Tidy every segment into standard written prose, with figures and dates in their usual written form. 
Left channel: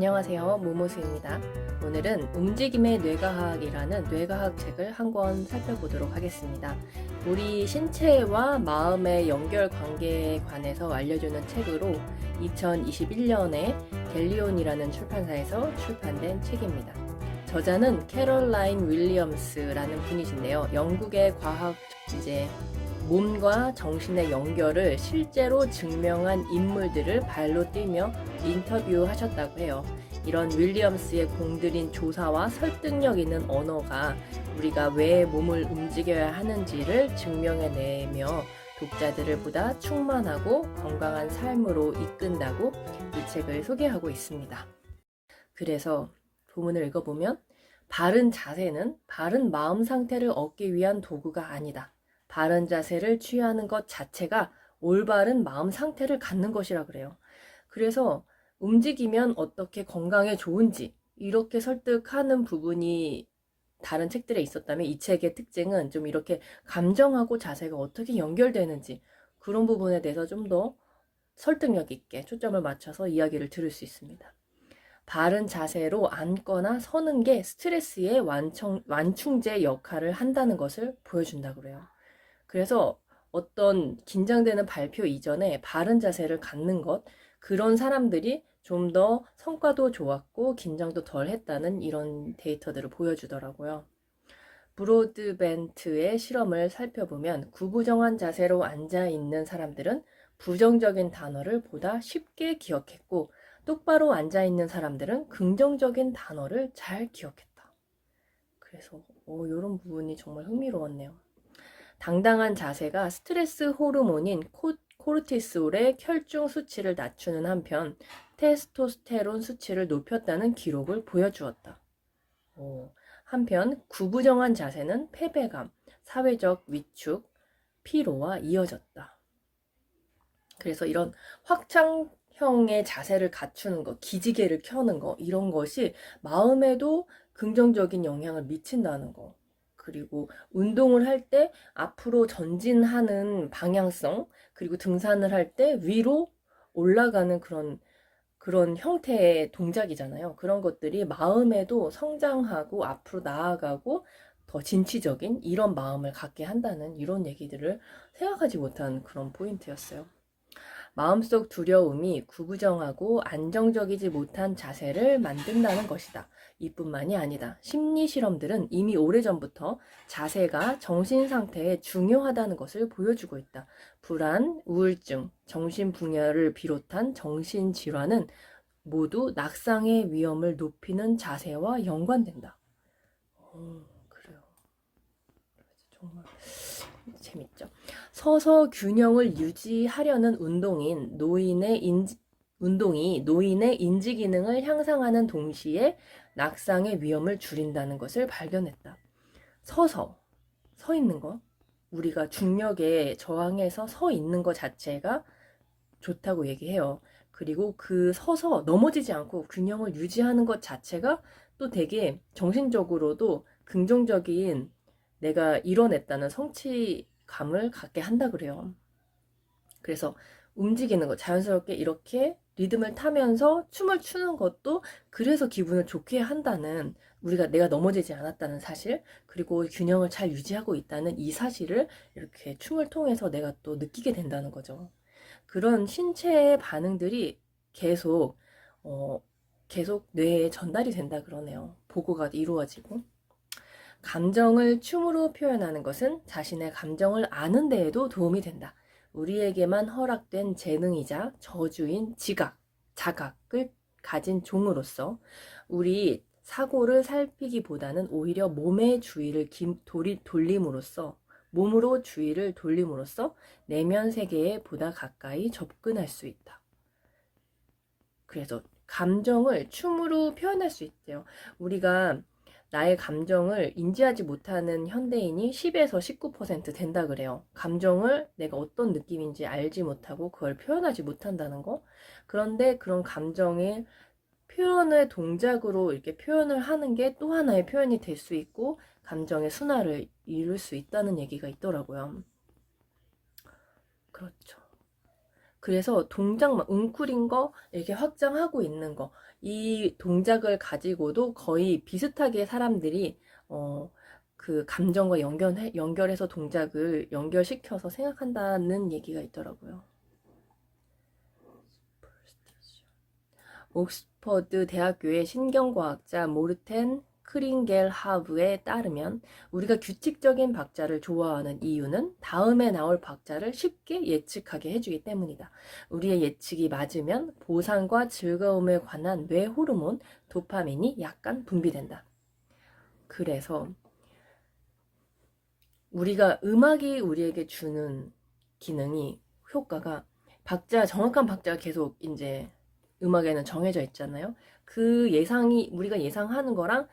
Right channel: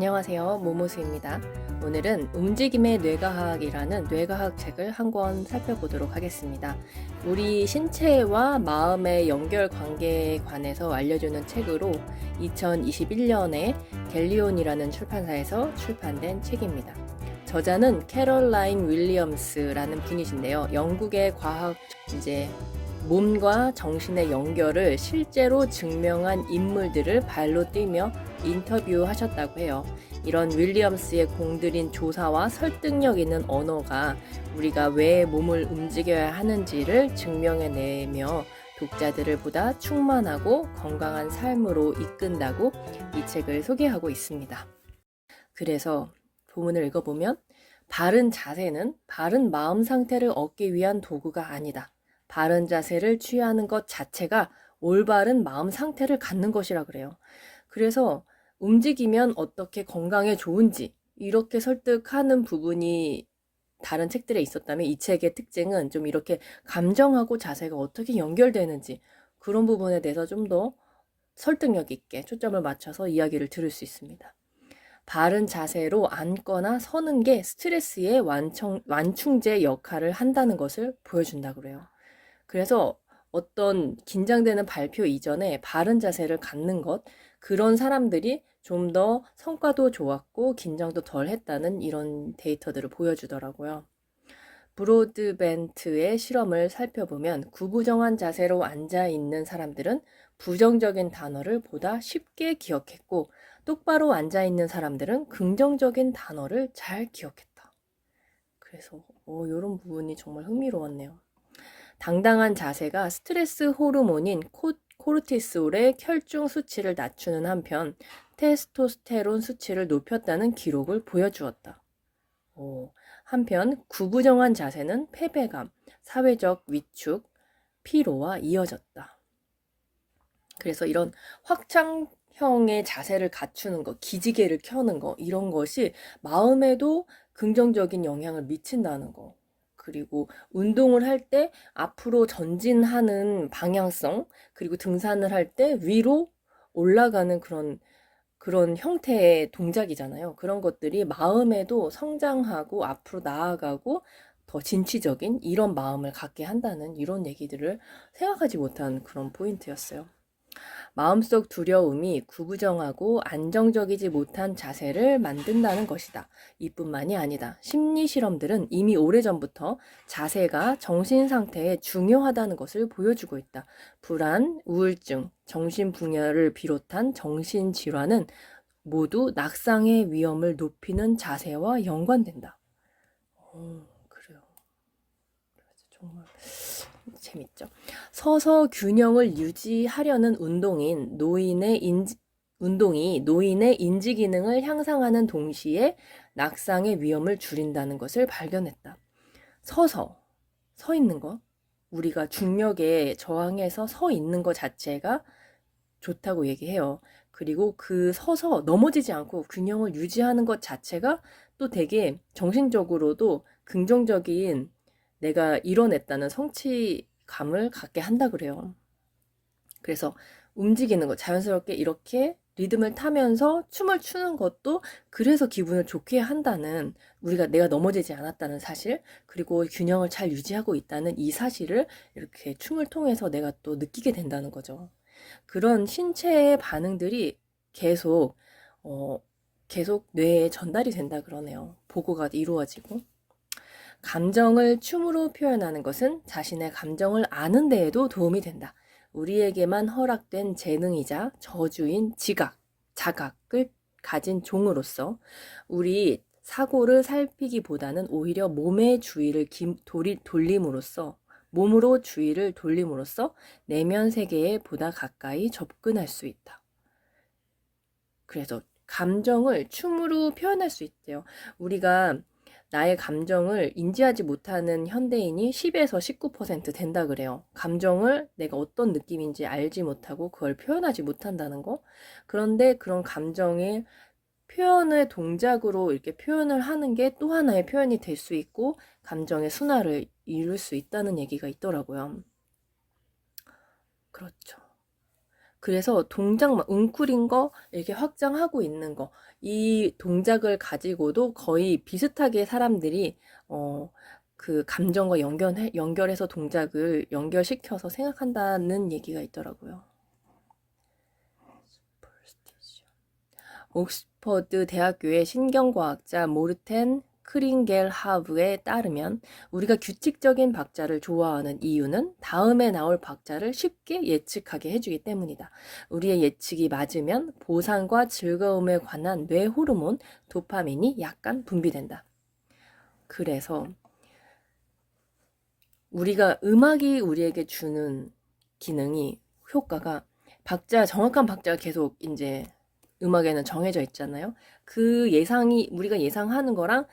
안녕하세요. 모모스입니다. 오늘은 움직임의 뇌과학이라는 뇌과학 책을 한 권 살펴보도록 하겠습니다. 우리 신체와 마음의 연결 관계에 관해서 알려주는 책으로 2021년에 델리온이라는 출판사에서 출판된 책입니다. 저자는 캐롤라인 윌리엄스라는 분이신데요. 영국의 과학 몸과 정신의 연결을 실제로 증명한 인물들을 발로 뛰며 인터뷰하셨다고 해요. 이런 윌리엄스의 공들인 조사와 설득력 있는 언어가 우리가 왜 몸을 움직여야 하는지를 증명해내며 독자들을 보다 충만하고 건강한 삶으로 이끈다고 이 책을 소개하고 있습니다. 그래서 본문을 읽어보면 바른 자세는 바른 마음 상태를 얻기 위한 도구가 아니다. 바른 자세를 취하는 것 자체가 올바른 마음 상태를 갖는 것이라 그래요. 그래서 움직이면 어떻게 건강에 좋은지 이렇게 설득하는 부분이 다른 책들에 있었다면 이 책의 특징은 좀 이렇게 감정하고 자세가 어떻게 연결되는지 그런 부분에 대해서 좀 더 설득력 있게 초점을 맞춰서 이야기를 들을 수 있습니다. 바른 자세로 앉거나 서는 게 스트레스의 완충제 역할을 한다는 것을 보여준다고 그래요. 그래서 어떤 긴장되는 발표 이전에 바른 자세를 갖는 것, 그런 사람들이 좀 더 성과도 좋았고 긴장도 덜 했다는 이런 데이터들을 보여주더라고요. 브로드벤트의 실험을 살펴보면 구부정한 자세로 앉아 있는 사람들은 부정적인 단어를 보다 쉽게 기억했고 똑바로 앉아 있는 사람들은 긍정적인 단어를 잘 기억했다. 그래서 이런 부분이 정말 흥미로웠네요. 당당한 자세가 스트레스 호르몬인 코르티솔의 혈중 수치를 낮추는 한편 테스토스테론 수치를 높였다는 기록을 보여주었다. 한편 구부정한 자세는 패배감, 사회적 위축, 피로와 이어졌다. 그래서 이런 확장형의 자세를 갖추는 것, 기지개를 켜는 것, 이런 것이 마음에도 긍정적인 영향을 미친다는 거. 그리고 운동을 할 때 앞으로 전진하는 방향성, 그리고 등산을 할 때 위로 올라가는 그런 형태의 동작이잖아요. 그런 것들이 마음에도 성장하고 앞으로 나아가고 더 진취적인 이런 마음을 갖게 한다는 이런 얘기들을 생각하지 못한 그런 포인트였어요. 마음속 두려움이 구부정하고 안정적이지 못한 자세를 만든다는 것이다. 이뿐만이 아니다. 심리 실험들은 이미 오래전부터 자세가 정신 상태에 중요하다는 것을 보여주고 있다. 불안, 우울증, 정신분열을 비롯한 정신질환은 모두 낙상의 위험을 높이는 자세와 연관된다. 그래요. 정말 재밌죠. 서서 균형을 유지하려는 운동이 노인의 인지 기능을 향상하는 동시에 낙상의 위험을 줄인다는 것을 발견했다. 서 있는 거, 우리가 중력에 저항해서 서 있는 것 자체가 좋다고 얘기해요. 그리고 그 서서 넘어지지 않고 균형을 유지하는 것 자체가 또 되게 정신적으로도 긍정적인 내가 이뤄냈다는 성취감을 갖게 한다 그래요. 그래서 움직이는 거 자연스럽게 이렇게 리듬을 타면서 춤을 추는 것도 그래서 기분을 좋게 한다는 내가 넘어지지 않았다는 사실 그리고 균형을 잘 유지하고 있다는 이 사실을 이렇게 춤을 통해서 내가 또 느끼게 된다는 거죠. 그런 신체의 반응들이 계속 뇌에 전달이 된다 그러네요. 보고가 이루어지고. 감정을 춤으로 표현하는 것은 자신의 감정을 아는 데에도 도움이 된다. 우리에게만 허락된 재능이자 저주인 자각을 가진 종으로서 우리 사고를 살피기보다는 오히려 몸으로 주의를 돌림으로써 내면 세계에 보다 가까이 접근할 수 있다. 그래서 감정을 춤으로 표현할 수 있대요. 우리가 나의 감정을 인지하지 못하는 현대인이 10에서 19% 된다 그래요. 감정을 내가 어떤 느낌인지 알지 못하고 그걸 표현하지 못한다는 거. 그런데 그런 감정의 표현을 동작으로 이렇게 표현을 하는 게 또 하나의 표현이 될 수 있고 감정의 순화를 이룰 수 있다는 얘기가 있더라고요. 그렇죠. 그래서 동작 막 웅크린 거 이렇게 확장하고 있는 거, 이 동작을 가지고도 거의 비슷하게 사람들이 그 감정과 연결해서 동작을 연결시켜서 생각한다는 얘기가 있더라고요. 옥스퍼드 대학교의 신경과학자 모르텐 크링겔하브에 따르면 우리가 규칙적인 박자를 좋아하는 이유는 다음에 나올 박자를 쉽게 예측하게 해주기 때문이다. 우리의 예측이 맞으면 보상과 즐거움에 관한 뇌 호르몬 도파민이 약간 분비된다. 그래서 음악이 우리에게 주는 기능이, 효과가 정확한 박자가 계속 이제 음악에는 정해져 있잖아요. 우리가 예상하는 거랑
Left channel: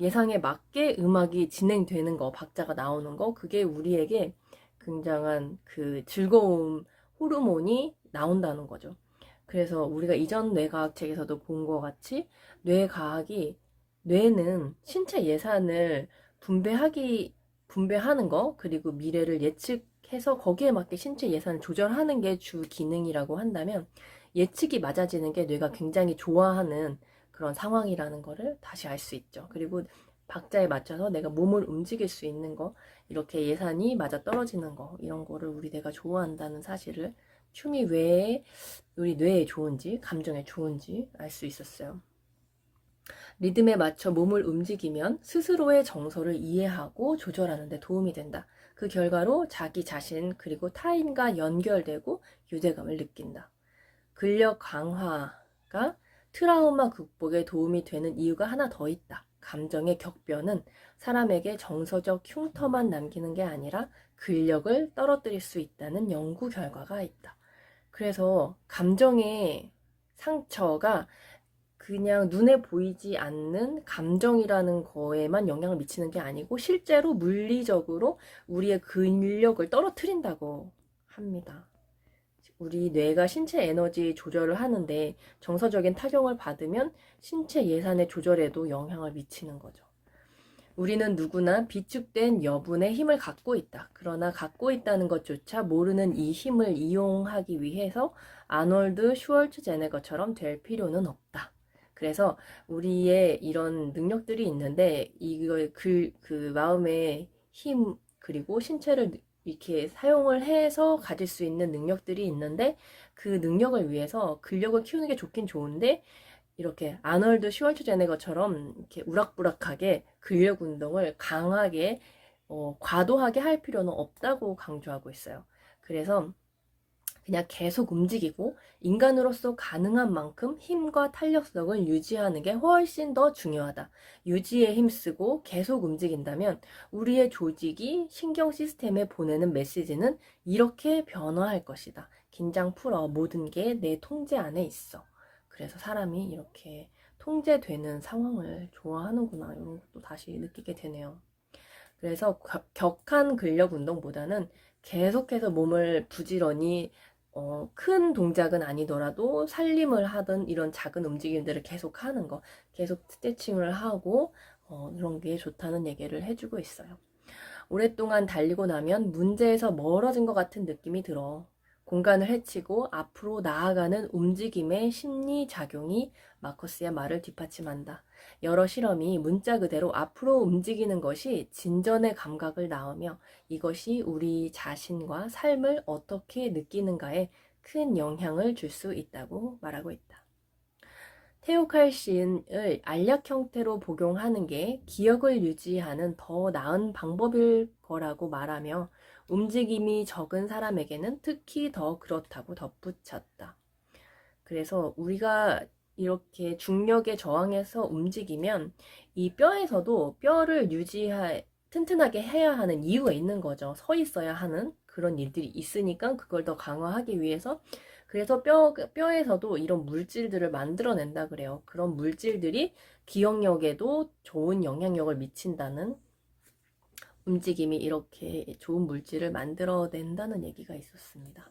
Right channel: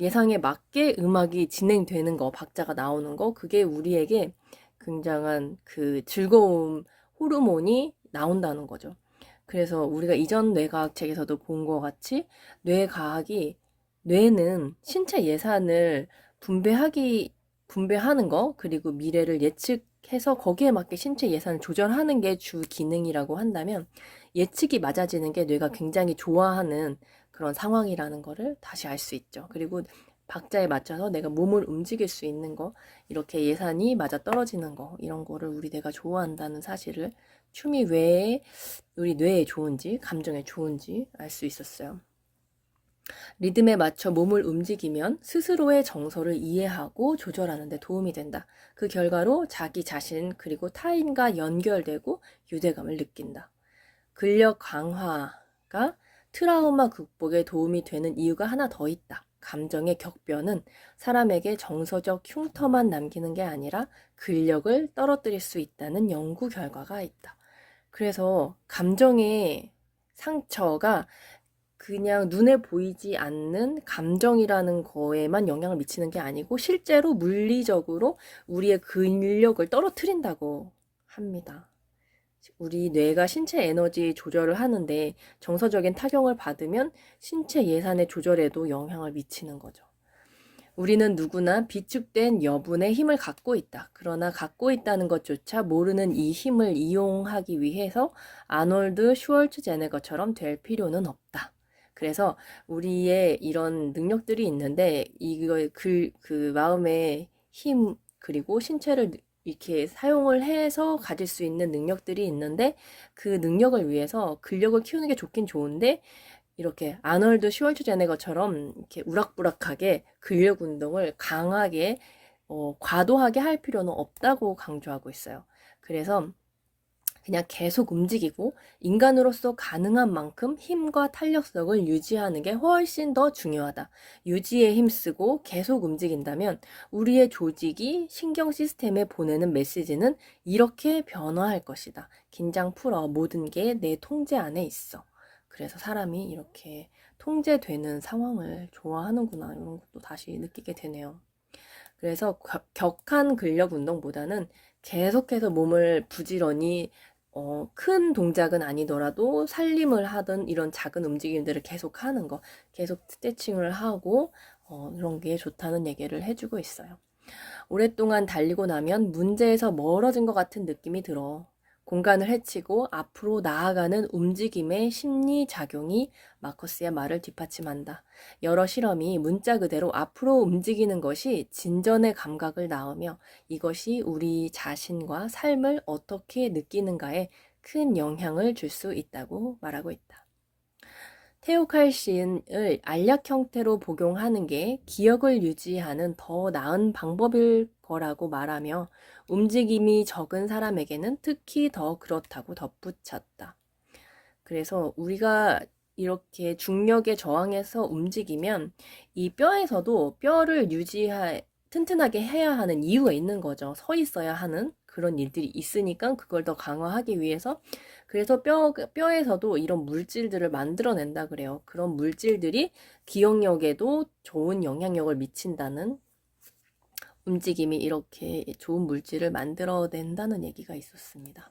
예상에 맞게 음악이 진행되는 거, 박자가 나오는 거, 그게 우리에게 굉장한 그 즐거움 호르몬이 나온다는 거죠. 그래서 우리가 이전 뇌과학 책에서도 본 것 같이 뇌는 신체 예산을 분배하는 거, 그리고 미래를 예측해서 거기에 맞게 신체 예산을 조절하는 게 주 기능이라고 한다면, 예측이 맞아지는 게 뇌가 굉장히 좋아하는 그런 상황이라는 거를 다시 알 수 있죠. 그리고 박자에 맞춰서 내가 몸을 움직일 수 있는 거, 이렇게 예산이 맞아 떨어지는 거, 이런 거를 우리 뇌가 좋아한다는 사실을 춤이 왜 우리 뇌에 좋은지, 감정에 좋은지 알 수 있었어요. 리듬에 맞춰 몸을 움직이면 스스로의 정서를 이해하고 조절하는 데 도움이 된다. 그 결과로 자기 자신 그리고 타인과 연결되고 유대감을 느낀다. 근력 강화가 트라우마 극복에 도움이 되는 이유가 하나 더 있다. 감정의 격변은 사람에게 정서적 흉터만 남기는 게 아니라 근력을 떨어뜨릴 수 있다는 연구 결과가 있다. 그래서 감정의 상처가 그냥 눈에 보이지 않는 감정이라는 거에만 영향을 미치는 게 아니고 실제로 물리적으로 우리의 근력을 떨어뜨린다고 합니다. 우리 뇌가 신체 에너지 조절을 하는데 정서적인 타격을 받으면 신체 예산의 조절에도 영향을 미치는 거죠. 우리는 누구나 비축된 여분의 힘을 갖고 있다. 그러나 갖고 있다는 것조차 모르는 이 힘을 이용하기 위해서 아놀드 슈월츠제네거처럼 될 필요는 없다. 그래서 우리의 이런 능력들이 있는데 그 마음의 힘 그리고 신체를 이렇게 사용을 해서 가질 수 있는 능력들이 있는데, 그 능력을 위해서 근력을 키우는 게 좋긴 좋은데 이렇게 아놀드 슈왈츠제네거처럼 이렇게 우락부락하게 근력 운동을 강하게 과도하게 할 필요는 없다고 강조하고 있어요. 그래서 그냥 계속 움직이고 인간으로서 가능한 만큼 힘과 탄력성을 유지하는 게 훨씬 더 중요하다. 유지에 힘쓰고 계속 움직인다면 우리의 조직이 신경 시스템에 보내는 메시지는 이렇게 변화할 것이다. 긴장 풀어. 모든 게 내 통제 안에 있어. 그래서 사람이 이렇게 통제되는 상황을 좋아하는구나, 이런 것도 다시 느끼게 되네요. 그래서 격한 근력 운동보다는 계속해서 몸을 부지런히 큰 동작은 아니더라도 살림을 하든 이런 작은 움직임들을 계속 하는 거, 계속 스트레칭을 하고 이런 게 좋다는 얘기를 해주고 있어요. 오랫동안 달리고 나면 문제에서 멀어진 것 같은 느낌이 들어. 공간을 헤치고 앞으로 나아가는 움직임의 심리작용이 마커스의 말을 뒷받침한다. 여러 실험이 문자 그대로 앞으로 움직이는 것이 진전의 감각을 낳으며 이것이 우리 자신과 삶을 어떻게 느끼는가에 큰 영향을 줄 수 있다고 말하고 있다. 테오칼신을 알약 형태로 복용하는 게 기억을 유지하는 더 나은 방법일 거라고 말하며 움직임이 적은 사람에게는 특히 더 그렇다고 덧붙였다. 그래서 우리가 이렇게 중력에 저항해서 움직이면 이 뼈에서도 뼈를 튼튼하게 해야 하는 이유가 있는 거죠. 서 있어야 하는 그런 일들이 있으니까 그걸 더 강화하기 위해서, 그래서 뼈에서도 이런 물질들을 만들어낸다 그래요. 그런 물질들이 기억력에도 좋은 영향력을 미친다는, 움직임이 이렇게 좋은 물질을 만들어낸다는 얘기가 있었습니다.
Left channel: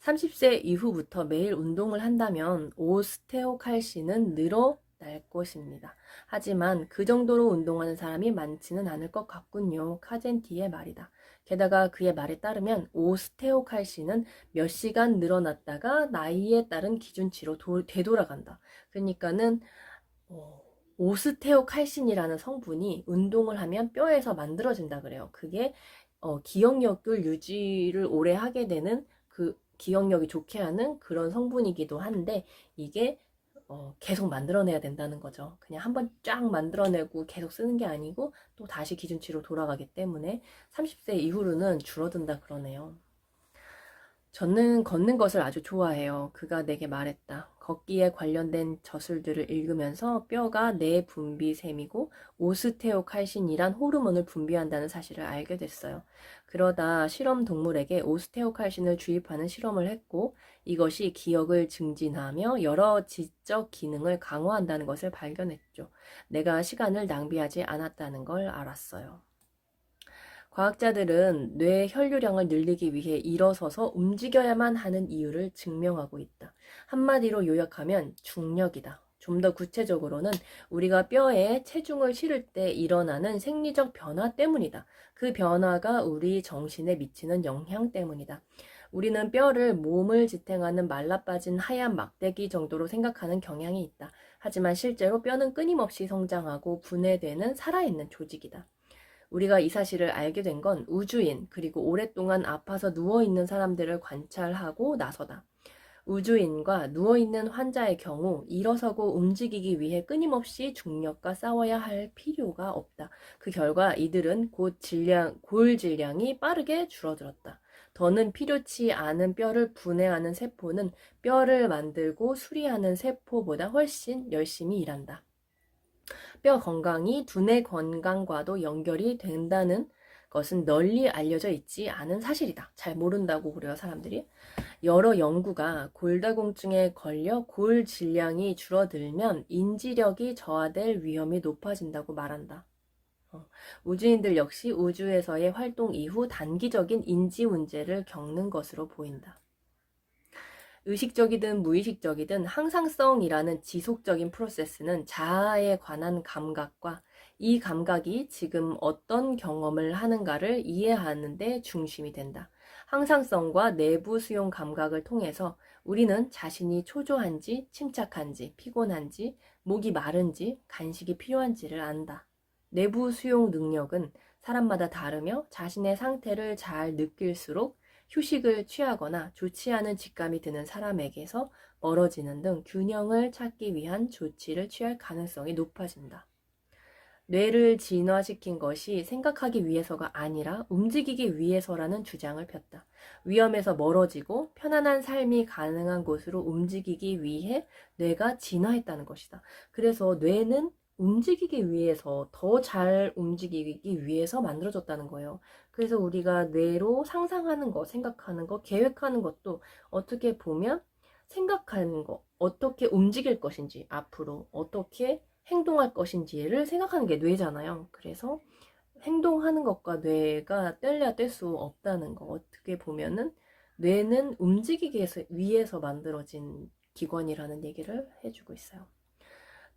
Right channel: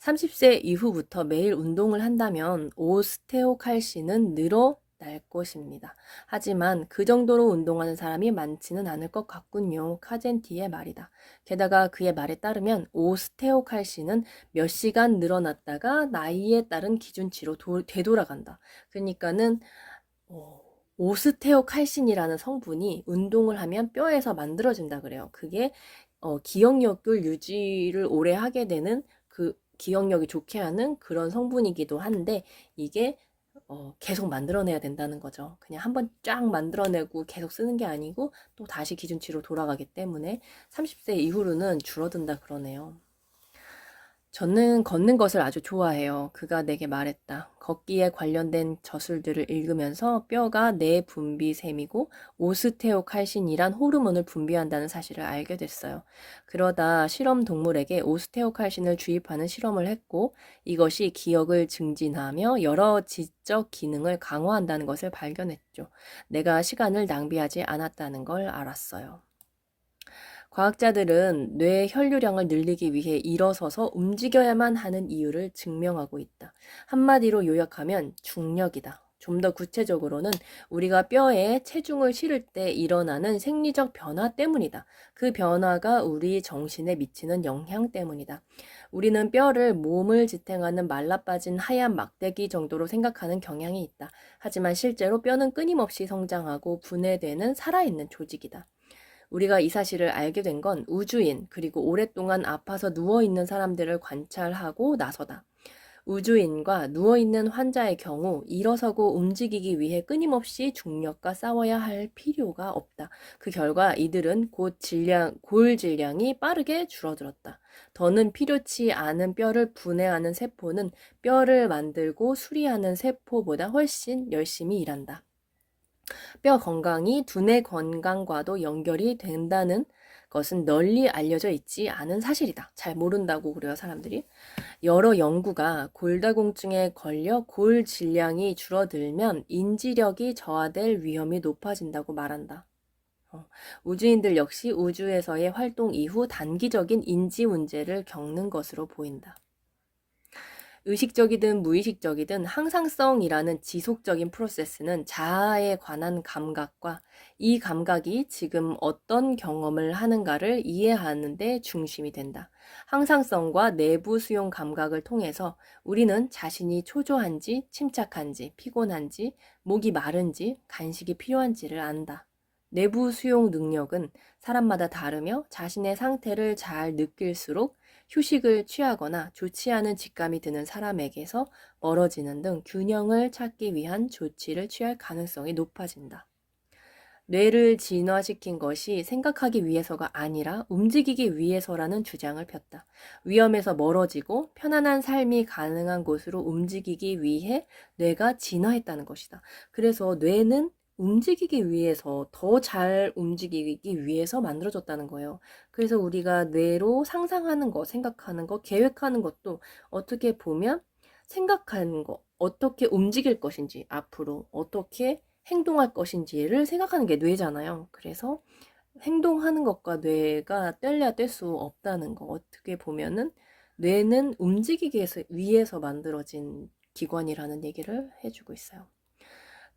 30세 이후부터 매일 운동을 한다면 오스테오칼신은 늘어 날 것입니다. 하지만 그 정도로 운동하는 사람이 많지는 않을 것 같군요. 카젠티의 말이다. 게다가 그의 말에 따르면 오스테오칼신은 몇 시간 늘어났다가 나이에 따른 기준치로 되돌아간다. 그러니까는 오스테오칼신이라는 성분이 운동을 하면 뼈에서 만들어진다 그래요. 그게 기억력을 유지를 오래 하게 되는, 그 기억력이 좋게 하는 그런 성분이기도 한데, 이게 계속 만들어내야 된다는 거죠. 그냥 한번 쫙 만들어내고 계속 쓰는 게 아니고 또 다시 기준치로 돌아가기 때문에 30세 이후로는 줄어든다 그러네요. 저는 걷는 것을 아주 좋아해요. 그가 내게 말했다. 걷기에 관련된 저술들을 읽으면서 뼈가 내분비샘이고 오스테오칼신이란 호르몬을 분비한다는 사실을 알게 됐어요. 그러다 실험 동물에게 오스테오칼신을 주입하는 실험을 했고, 이것이 기억을 증진하며 여러 지적 기능을 강화한다는 것을 발견했죠. 내가 시간을 낭비하지 않았다는 걸 알았어요. 과학자들은 뇌 혈류량을 늘리기 위해 일어서서 움직여야만 하는 이유를 증명하고 있다. 한마디로 요약하면 중력이다. 좀 더 구체적으로는 우리가 뼈에 체중을 실을 때 일어나는 생리적 변화 때문이다. 그 변화가 우리 정신에 미치는 영향 때문이다. 우리는 뼈를 몸을 지탱하는 말라빠진 하얀 막대기 정도로 생각하는 경향이 있다. 하지만 실제로 뼈는 끊임없이 성장하고 분해되는 살아있는 조직이다. 우리가 이 사실을 알게 된 건 우주인, 그리고 오랫동안 아파서 누워있는 사람들을 관찰하고 나서다. 우주인과 누워있는 환자의 경우 일어서고 움직이기 위해 끊임없이 중력과 싸워야 할 필요가 없다. 그 결과 이들은 골 질량이 빠르게 줄어들었다. 더는 필요치 않은 뼈를 분해하는 세포는 뼈를 만들고 수리하는 세포보다 훨씬 열심히 일한다. 뼈 건강이 두뇌 건강과도 연결이 된다는 것은 널리 알려져 있지 않은 사실이다. 잘 모른다고 그래요, 사람들이. 여러 연구가 골다공증에 걸려 골 질량이 줄어들면 인지력이 저하될 위험이 높아진다고 말한다. 우주인들 역시 우주에서의 활동 이후 단기적인 인지 문제를 겪는 것으로 보인다. 의식적이든 무의식적이든 항상성이라는 지속적인 프로세스는 자아에 관한 감각과 이 감각이 지금 어떤 경험을 하는가를 이해하는 데 중심이 된다. 항상성과 내부 수용 감각을 통해서 우리는 자신이 초조한지, 침착한지, 피곤한지, 목이 마른지, 간식이 필요한지를 안다. 내부 수용 능력은 사람마다 다르며 자신의 상태를 잘 느낄수록 휴식을 취하거나 좋지 않은 직감이 드는 사람에게서 멀어지는 등 균형을 찾기 위한 조치를 취할 가능성이 높아진다. 뇌를 진화시킨 것이 생각하기 위해서가 아니라 움직이기 위해서라는 주장을 폈다. 위험에서 멀어지고 편안한 삶이 가능한 곳으로 움직이기 위해 뇌가 진화했다는 것이다. 그래서 뇌는 움직이기 위해서, 더 잘 움직이기 위해서 만들어졌다는 거예요. 그래서 우리가 뇌로 상상하는 것, 생각하는 것, 계획하는 것도 어떻게 보면 생각하는 것, 어떻게 움직일 것인지, 앞으로 어떻게 행동할 것인지를 생각하는 게 뇌잖아요. 그래서 행동하는 것과 뇌가 뗄래야 뗄 수 없다는 거. 어떻게 보면은 뇌는 움직이기 위해서 만들어진 기관이라는 얘기를 해주고 있어요.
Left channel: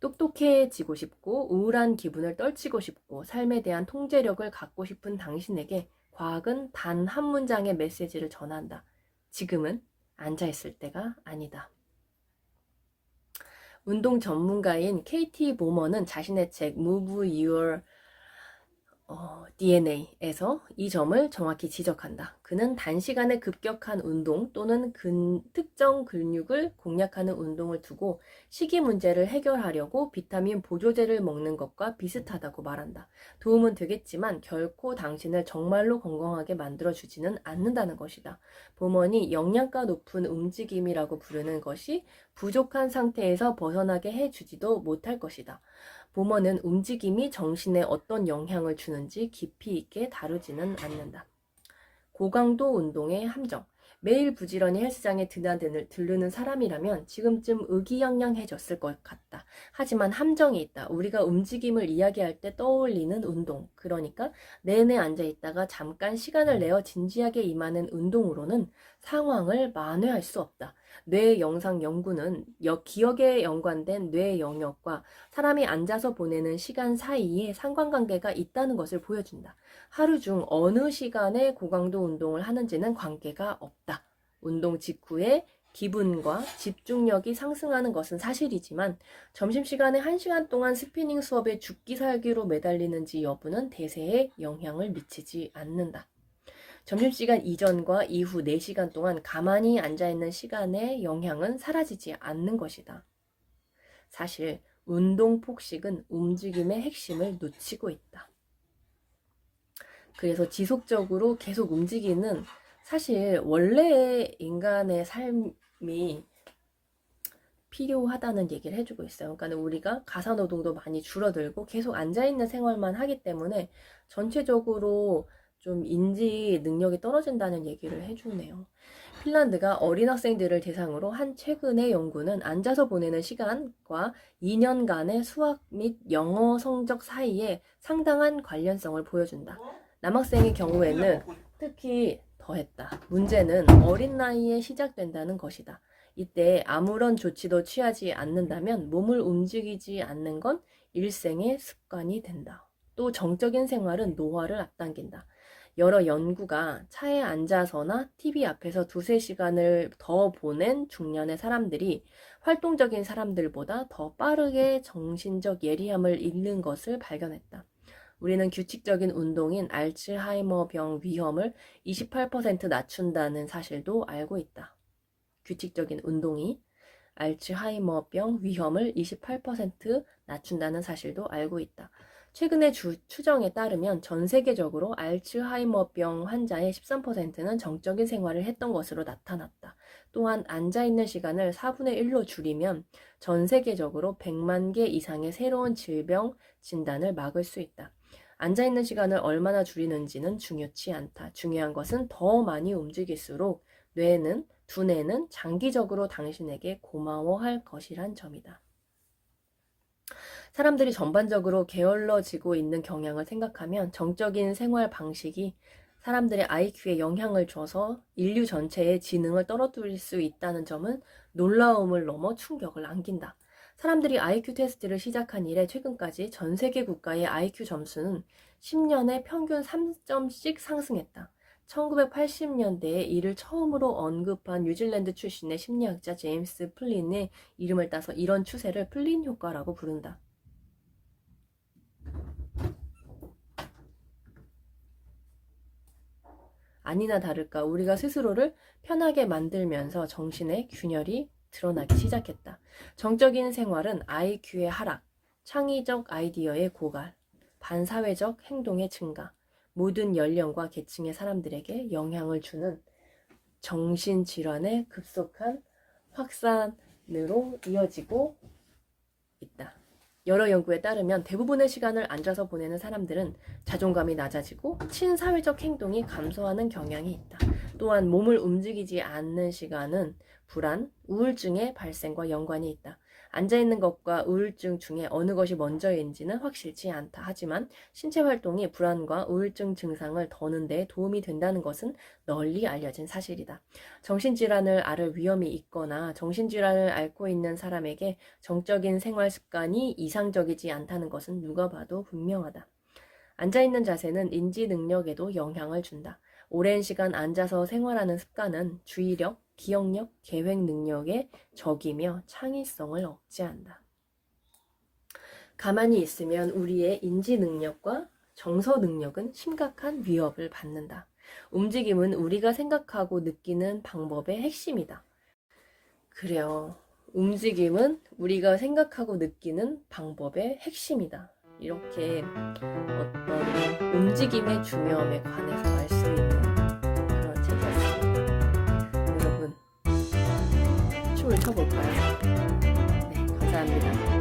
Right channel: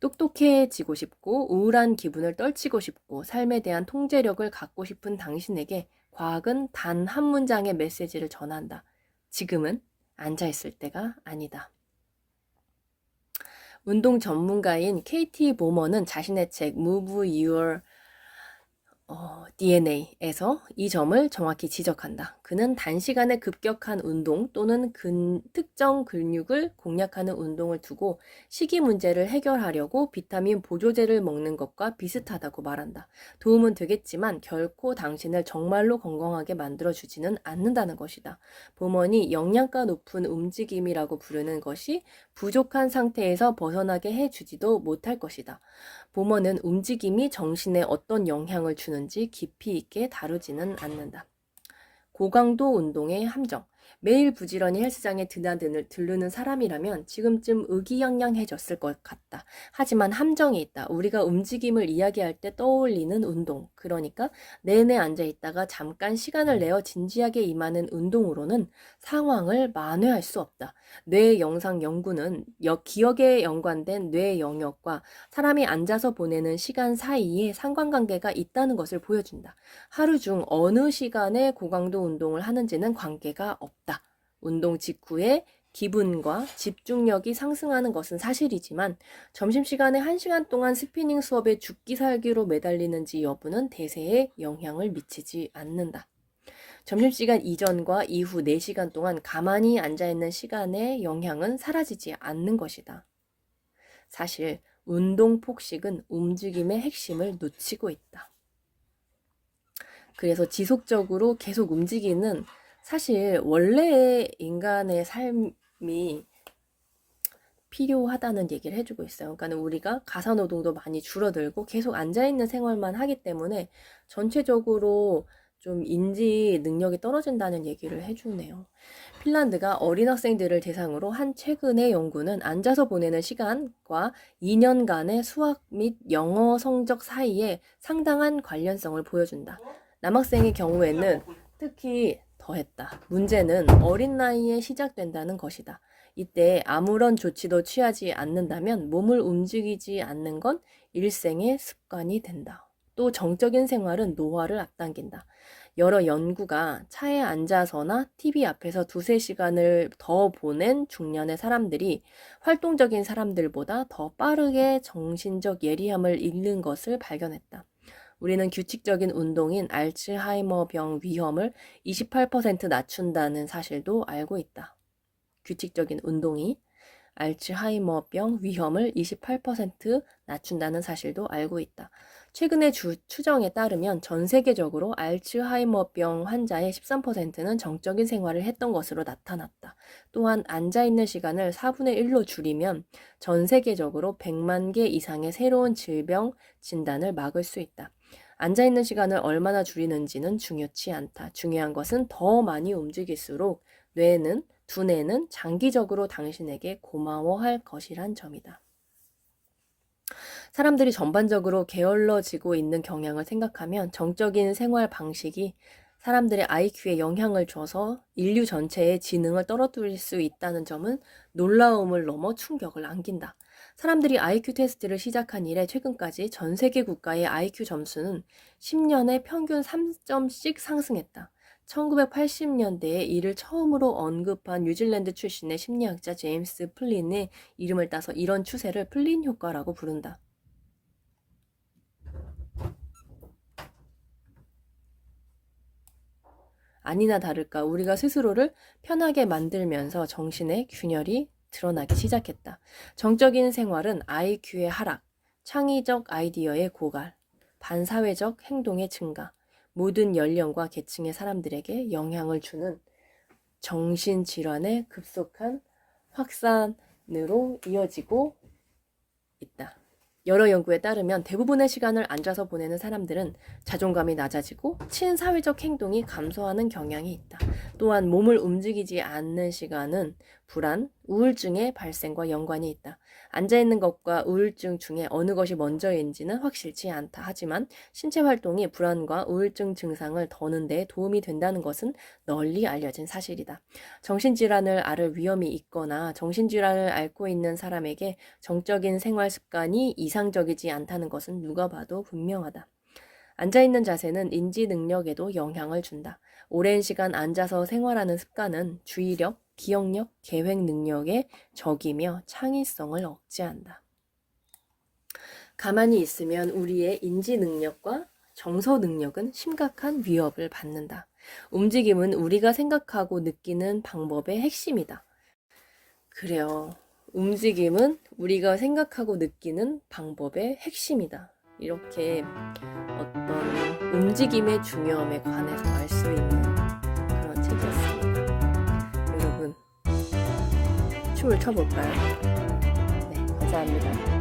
똑똑해지고 싶고 우울한 기분을 떨치고 싶고 삶에 대한 통제력을 갖고 싶은 당신에게 과학은 단 한 문장의 메시지를 전한다. 지금은 앉아있을 때가 아니다. 운동 전문가인 KT 보머는 자신의 책 Move Your DNA에서 이 점을 정확히 지적한다. 그는 단시간에 급격한 운동 또는 특정 근육을 공략하는 운동을 두고 식이 문제를 해결하려고 비타민 보조제를 먹는 것과 비슷하다고 말한다. 도움은 되겠지만 결코 당신을 정말로 건강하게 만들어주지는 않는다는 것이다. 보먼이 영양가 높은 움직임이라고 부르는 것이 부족한 상태에서 벗어나게 해주지도 못할 것이다. 보머는 움직임이 정신에 어떤 영향을 주는지 깊이 있게 다루지는 않는다. 고강도 운동의 함정. 매일 부지런히 헬스장에 들르는 사람이라면 지금쯤 의기양양해졌을 것 같다. 하지만 함정이 있다. 우리가 움직임을 이야기할 때 떠올리는 운동. 그러니까 내내 앉아있다가 잠깐 시간을 내어 진지하게 임하는 운동으로는 상황을 만회할 수 없다. 뇌 영상 연구는 기억에 연관된 뇌 영역과 사람이 앉아서 보내는 시간 사이에 상관관계가 있다는 것을 보여준다. 하루 중 어느 시간에 고강도 운동을 하는지는 관계가 없다. 운동 직후에 기분과 집중력이 상승하는 것은 사실이지만 점심시간에 1시간 동안 스피닝 수업에 죽기 살기로 매달리는지 여부는 대세에 영향을 미치지 않는다. 점심시간 이전과 이후 4시간 동안 가만히 앉아있는 시간의 영향은 사라지지 않는 것이다. 사실 운동 폭식은 움직임의 핵심을 놓치고 있다. 그래서 지속적으로 계속 움직이는 사실 원래의 인간의 삶이 필요하다는 얘기를 해주고 있어요. 그러니까 우리가 가사노동도 많이 줄어들고 계속 앉아있는 생활만 하기 때문에 전체적으로 좀 인지 능력이 떨어진다는 얘기를 해주네요. 핀란드가 어린 학생들을 대상으로 한 최근의 연구는 앉아서 보내는 시간과 2년간의 수학 및 영어 성적 사이에 상당한 관련성을 보여준다. 남학생의 경우에는 특히 더했다. 문제는 어린 나이에 시작된다는 것이다. 이때 아무런 조치도 취하지 않는다면 몸을 움직이지 않는 건 일생의 습관이 된다. 또 정적인 생활은 노화를 앞당긴다. 여러 연구가 차에 앉아서나 TV 앞에서 2-3시간을 더 보낸 중년의 사람들이 활동적인 사람들보다 더 빠르게 정신적 예리함을 잃는 것을 발견했다. 우리는 규칙적인 운동인 알츠하이머병 위험을 28% 낮춘다는 사실도 알고 있다. 규칙적인 운동이 알츠하이머병 위험을 28% 낮춘다는 사실도 알고 있다. 최근의 추정에 따르면 전 세계적으로 알츠하이머병 환자의 13%는 정적인 생활을 했던 것으로 나타났다. 또한 앉아있는 시간을 4분의 1로 줄이면 전 세계적으로 100만 개 이상의 새로운 질병 진단을 막을 수 있다. 앉아있는 시간을 얼마나 줄이는지는 중요치 않다. 중요한 것은 더 많이 움직일수록 두뇌는 장기적으로 당신에게 고마워할 것이란 점이다. 사람들이 전반적으로 게을러지고 있는 경향을 생각하면 정적인 생활 방식이 사람들의 IQ에 영향을 줘서 인류 전체의 지능을 떨어뜨릴 수 있다는 점은 놀라움을 넘어 충격을 안긴다. 사람들이 IQ 테스트를 시작한 이래 최근까지 전 세계 국가의 IQ 점수는 10년에 평균 3점씩 상승했다. 1980년대에 이를 처음으로 언급한 뉴질랜드 출신의 심리학자 제임스 플린의 이름을 따서 이런 추세를 플린 효과라고 부른다. 아니나 다를까 우리가 스스로를 편하게 만들면서 정신의 균열이 드러나기 시작했다. 정적인 생활은 IQ의 하락, 창의적 아이디어의 고갈, 반사회적 행동의 증가, 모든 연령과 계층의 사람들에게 영향을 주는 정신질환의 급속한 확산으로 이어지고 있다. 여러 연구에 따르면 대부분의 시간을 앉아서 보내는 사람들은 자존감이 낮아지고 친사회적 행동이 감소하는 경향이 있다. 또한 몸을 움직이지 않는 시간은 불안, 우울증의 발생과 연관이 있다. 앉아있는 것과 우울증 중에 어느 것이 먼저인지는 확실치 않다. 하지만 신체 활동이 불안과 우울증 증상을 더는 데 도움이 된다는 것은 널리 알려진 사실이다. 정신질환을 앓을 위험이 있거나 정신질환을 앓고 있는 사람에게 정적인 생활 습관이 이상적이지 않다는 것은 누가 봐도 분명하다. 앉아있는 자세는 인지 능력에도 영향을 준다. 오랜 시간 앉아서 생활하는 습관은 주의력, 기억력, 계획 능력에 적이며 창의성을 억제한다. 가만히 있으면 우리의 인지 능력과 정서 능력은 심각한 위협을 받는다. 움직임은 우리가 생각하고 느끼는 방법의 핵심이다. 그래요. 움직임은 우리가 생각하고 느끼는 방법의 핵심이다. 이렇게 어떤 움직임의 중요함에 관해서 알 수 있는 그런 책이었습니다. 여러분, 춤을 춰볼까요? 네, 감사합니다.